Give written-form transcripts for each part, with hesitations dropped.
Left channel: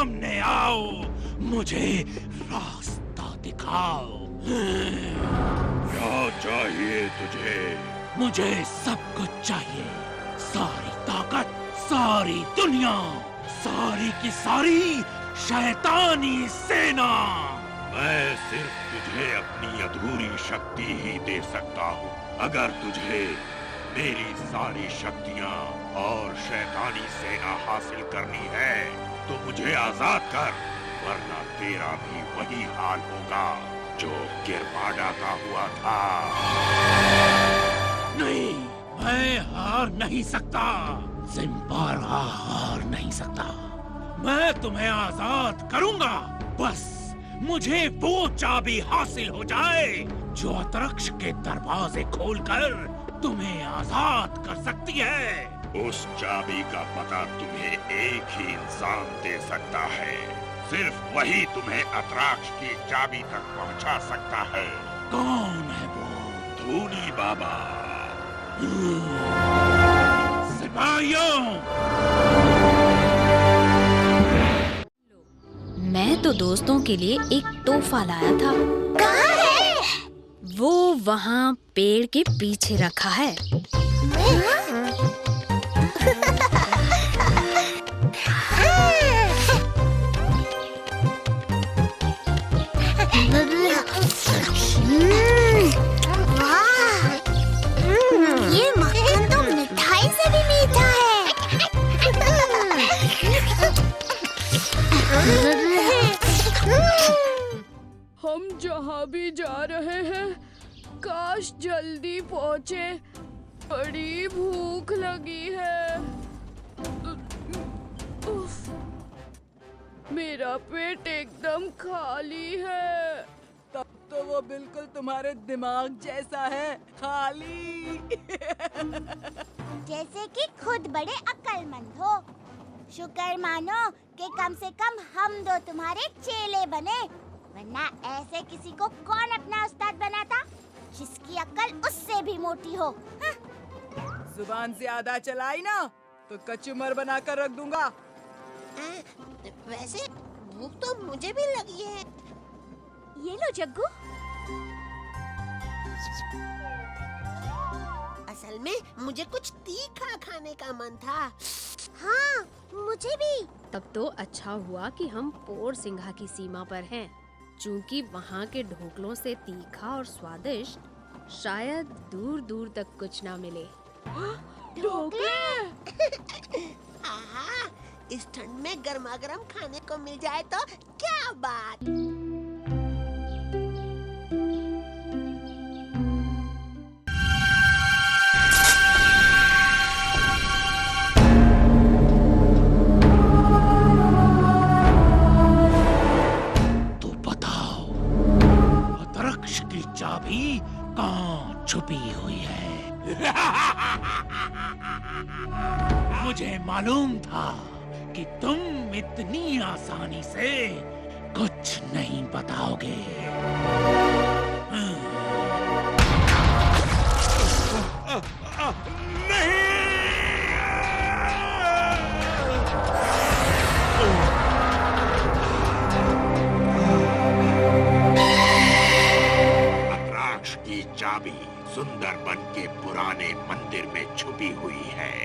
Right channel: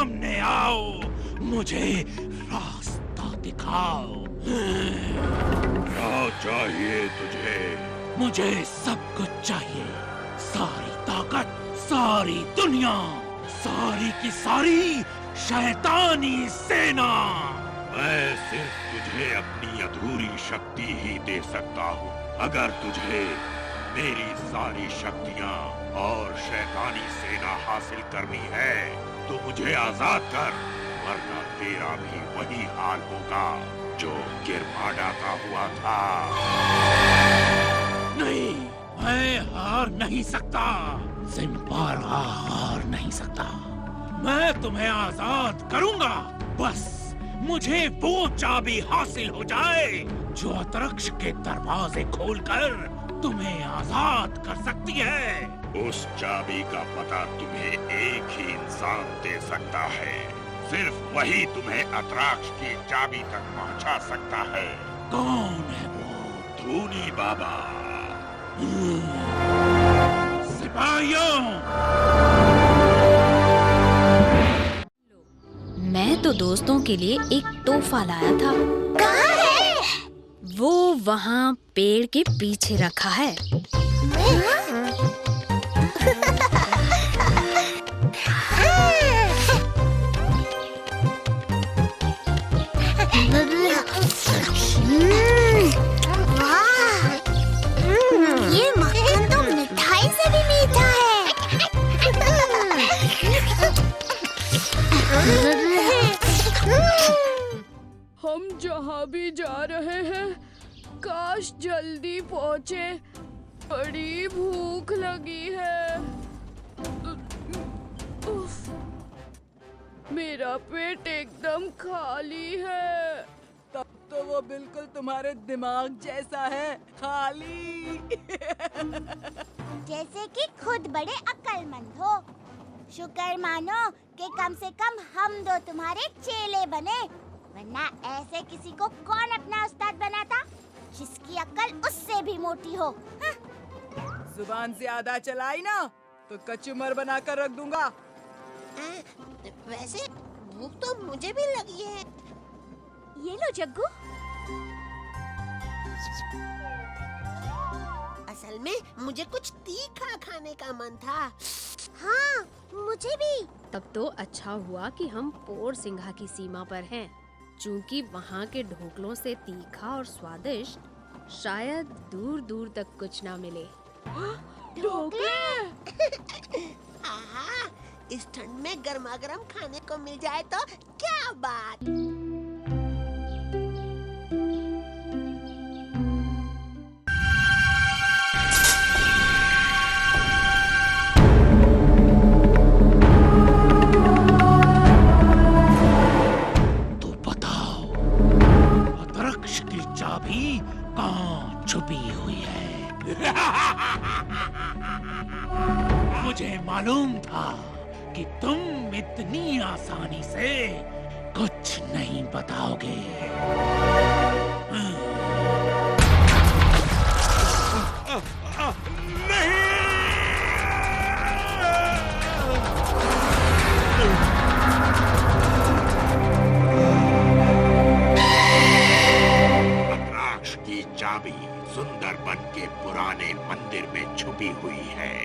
सामने आओ, मुझे रास्ता दिखाओ। क्या चाहिए तुझे? मुझे सब कुछ चाहिए, सारी ताकत, सारी दुनिया, सारी की सारी शैतानी सेना। मैं सिर्फ तुझे अपनी अधूरी शक्ति ही दे सकता हूँ। अगर तुझे मेरी सारी शक्तियाँ और शैतानी सेना हासिल करनी है तो मुझे आजाद कर, वरना तेरा भी वही हाल होगा जो गिरमाडा का हुआ था। नहीं, मैं हार नहीं सकता। ज़िम्बारा हार नहीं सकता। मैं तुम्हें आजाद करूंगा, बस मुझे वो चाबी हासिल हो जाए जो अतरक्ष के दरवाजे खोलकर तुम्हें आजाद कर सकती है। उस चाबी का पता तुम्हें एक ही इंसान दे सकता है। सिर्फ वही तुम्हें अतराक्ष की चाबी तक पहुंचा सकता है। कौन है वो? धूनी बाबा। सिपाहियों, मैं तो दोस्तों के लिए एक तोहफा लाया था। कहाँ है? वो वहाँ पेड़ के पीछे रखा है। वाह! ये मक्खन तो मिठाई से भी मीठा है। हम जहाँ भी जा रहे हैं, काश जल्दी पहुँचे। बड़ी भूख लगी है। उफ, मेरा पेट एकदम खाली है। तब तो वो बिल्कुल तुम्हारे दिमाग जैसा है, खाली। जैसे कि खुद बड़े अक्लमंद हो। शुक्र मानो कि कम से कम हम दो तुम्हारे चेले बने, वरना ऐसे किसी को कौन अपना उस्ताद बनाता जिसकी अक्ल उससे भी मोटी हो। हाँ? जुबान ज्यादा चलाई ना तो कचूमर बनाकर रख दूंगा। वैसे भूख तो मुझे भी लगी है। ये लो जग्गू। असल में मुझे कुछ तीखा खाने का मन था। हाँ, मुझे भी। तब तो अच्छा हुआ कि हम पोर सिंघा की सीमा पर हैं, चूंकि वहाँ के ढोकलों से तीखा और स्वादिष्ट शायद दूर दूर तक कुछ ना मिले। ढोकले! आहा, इस ठंड में गर्मा गर्म खाने को मिल जाए तो क्या बात। तो बताओ, अतरक्ष की चाबी कहाँ छुपी हुई है? मुझे मालूम था कि तुम इतनी आसानी से कुछ नहीं बताओगे। अतराक्ष की चाबी सुंदरबन के पुराने मंदिर में छुपी हुई है।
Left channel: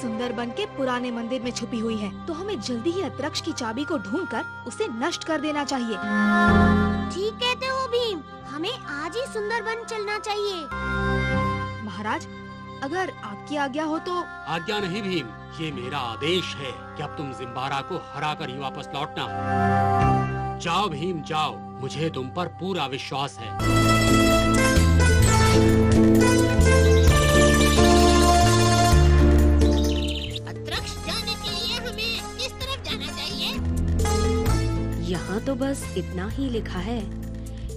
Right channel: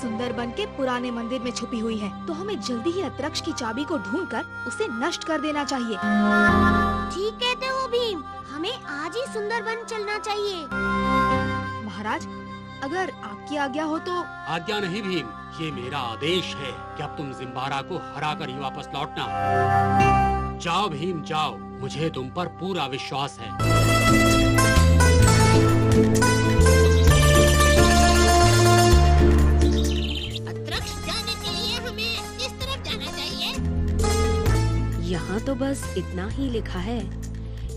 सुंदरबन के पुराने मंदिर में छुपी हुई है, तो हमें जल्दी ही अतरक्ष की चाबी को ढूंढकर उसे नष्ट कर देना चाहिए। ठीक कहते हो भीम, हमें आज ही सुंदरबन चलना चाहिए। महाराज, अगर आपकी आज्ञा हो तो। आज्ञा नहीं भीम, ये मेरा आदेश है कि अब तुम जिम्बारा को हरा कर ही वापस लौटना। जाओ भीम जाओ, मुझे तुम पर पूरा विश्वास है। अतरक्ष जाने के लिए हमें किस तरफ जाना चाहिए? यहाँ तो बस इतना ही लिखा है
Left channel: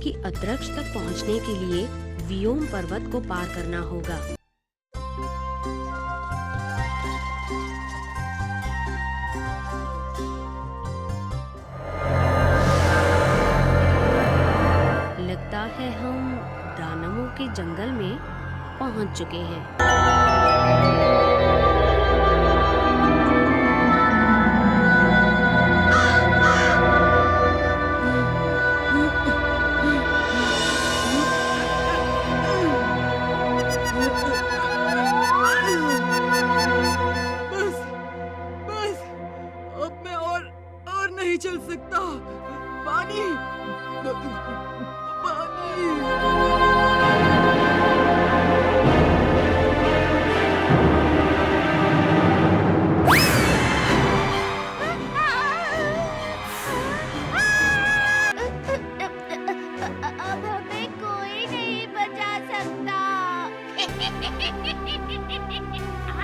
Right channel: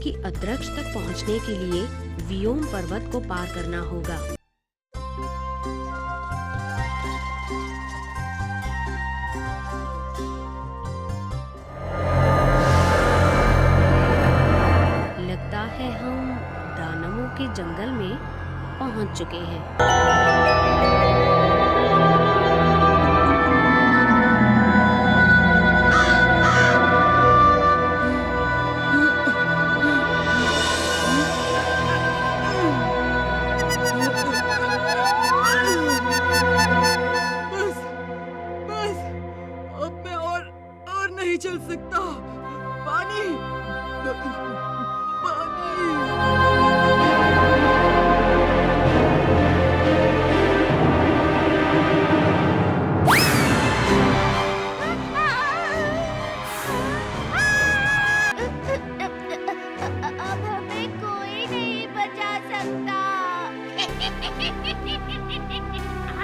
कि अतरक्ष तक पहुँचने के लिए वियोम पर्वत को पार करना होगा। लगता है हम दानवों के जंगल में पहुंच चुके हैं। सकता। पानी, पानी। अब हमें कोई नहीं बचा सकता।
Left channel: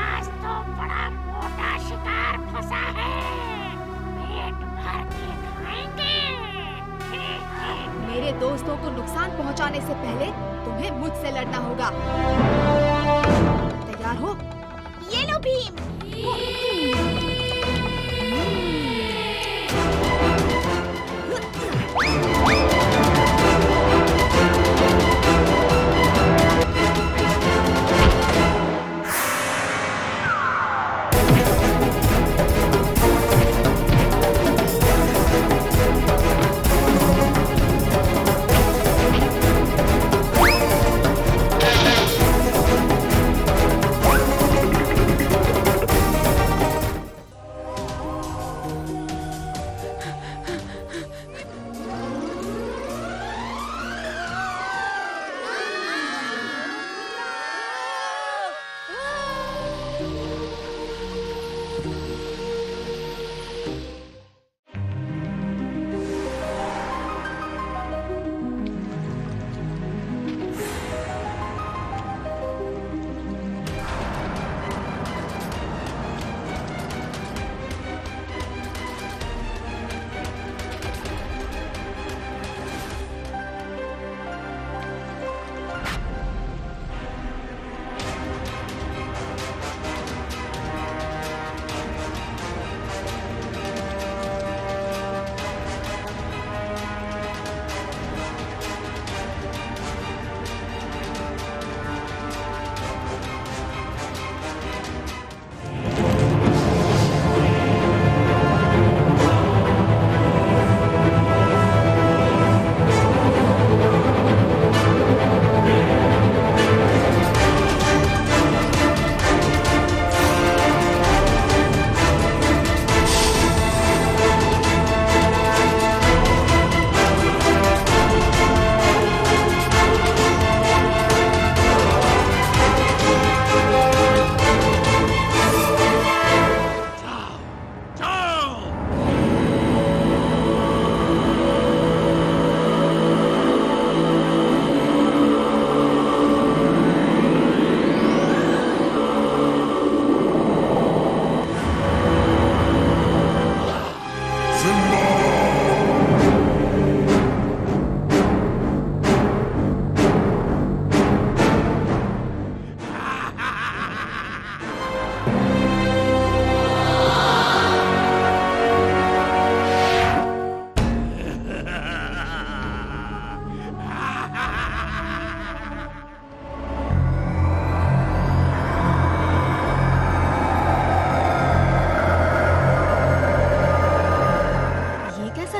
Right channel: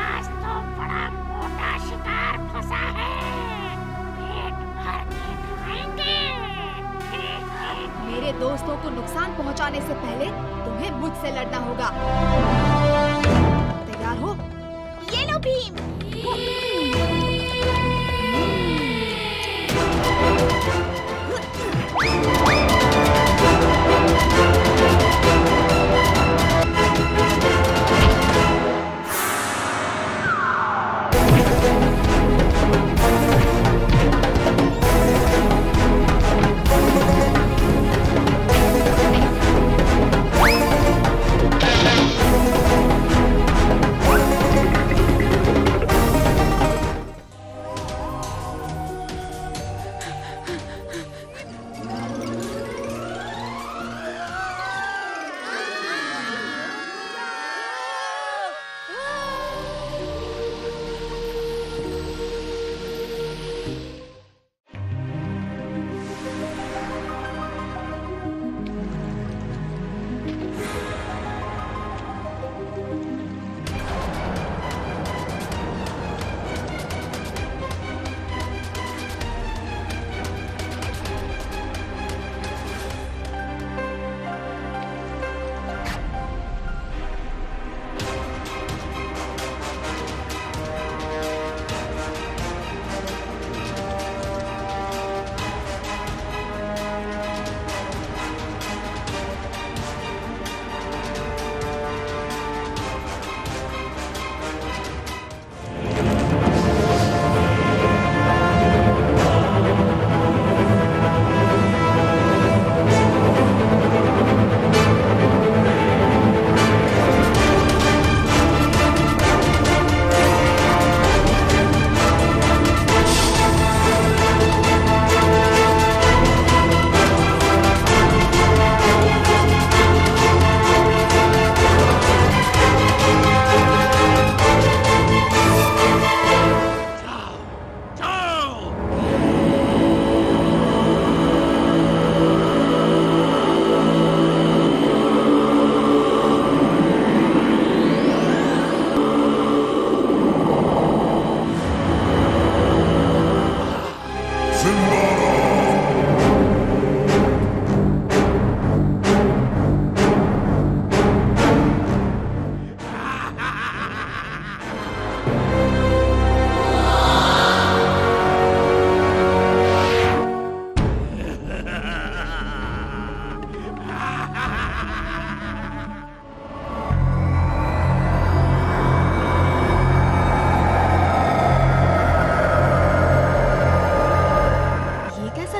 आज तो बड़ा मोटा शिकार फंसा है, पेट भर के खाएंगे। मेरे दोस्तों को नुकसान पहुंचाने से पहले तुम्हें मुझसे लड़ना होगा। तैयार हो? ये लो भीम।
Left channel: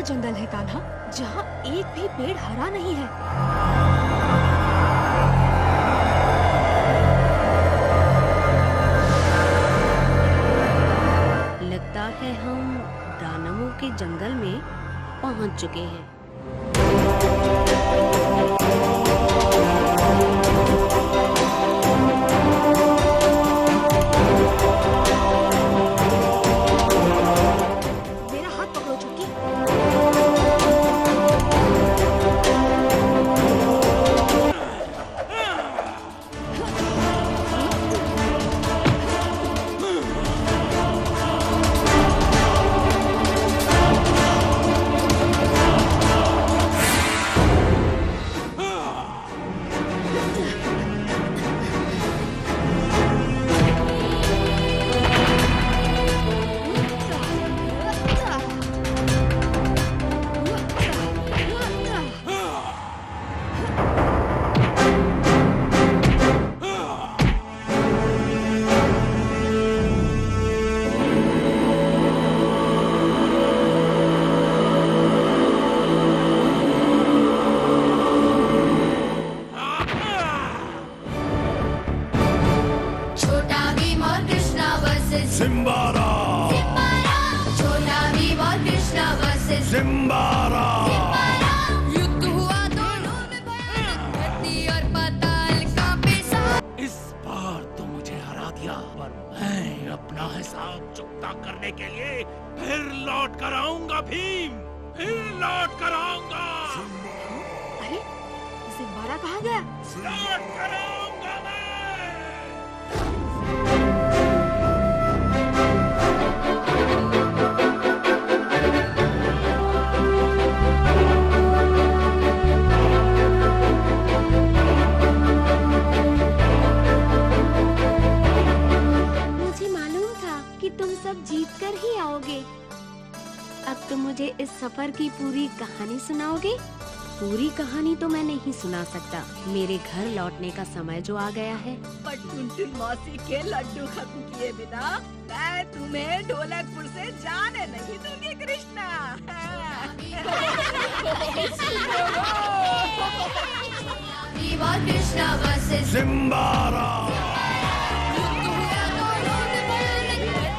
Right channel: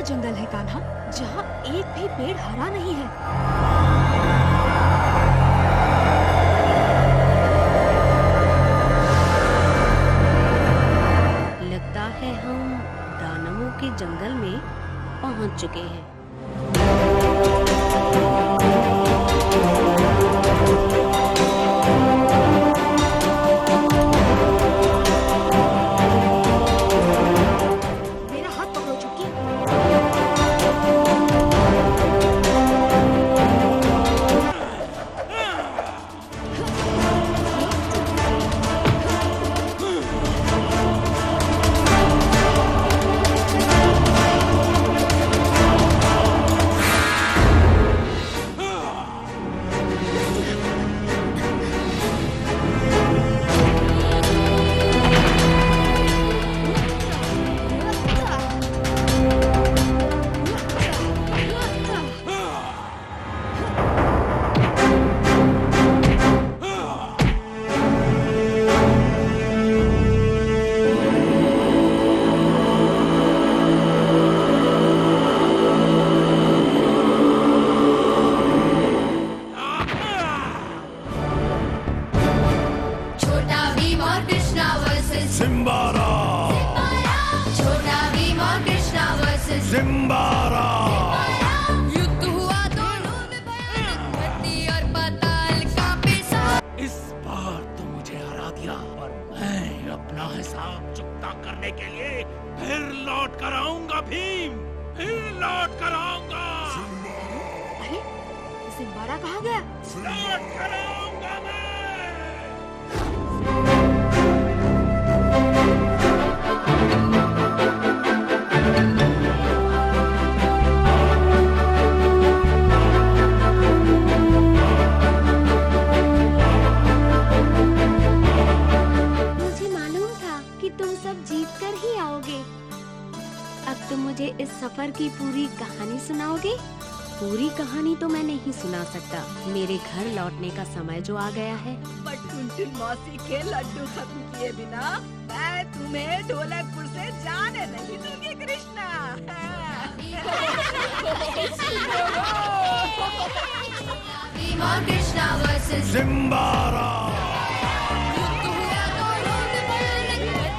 जंगल है कान्हा, जहाँ एक भी पेड़ हरा नहीं है। लगता है हम दानवों के जंगल में पहुंच चुके हैं। मेरा हाथ पकड़ो चुटकी। Zimbara! छोटा भीम और कृष्णा वर्सेस किया, पर मैं अपना हिसाब चुकता करने के लिए फिर लौट कर आऊंगा भीम, फिर लौट कर आऊंगा। अरे सिम्बारा कहाँ गया? लौट कर आऊंगा मैं। तुम सब जीत कर ही आओगे। अब तुम मुझे इस सफर की पूरी कहानी सुनाओगे? पूरी कहानी तो मैं नहीं सुना सकता, मेरे घर लौटने का समय जो आ गया है। पर टुनटुन मौसी के लड्डू खत्म किए बिना मैं तुम्हें ढोलकपुर से जाने नहीं दूंगी कृष्णा। सिम्बारा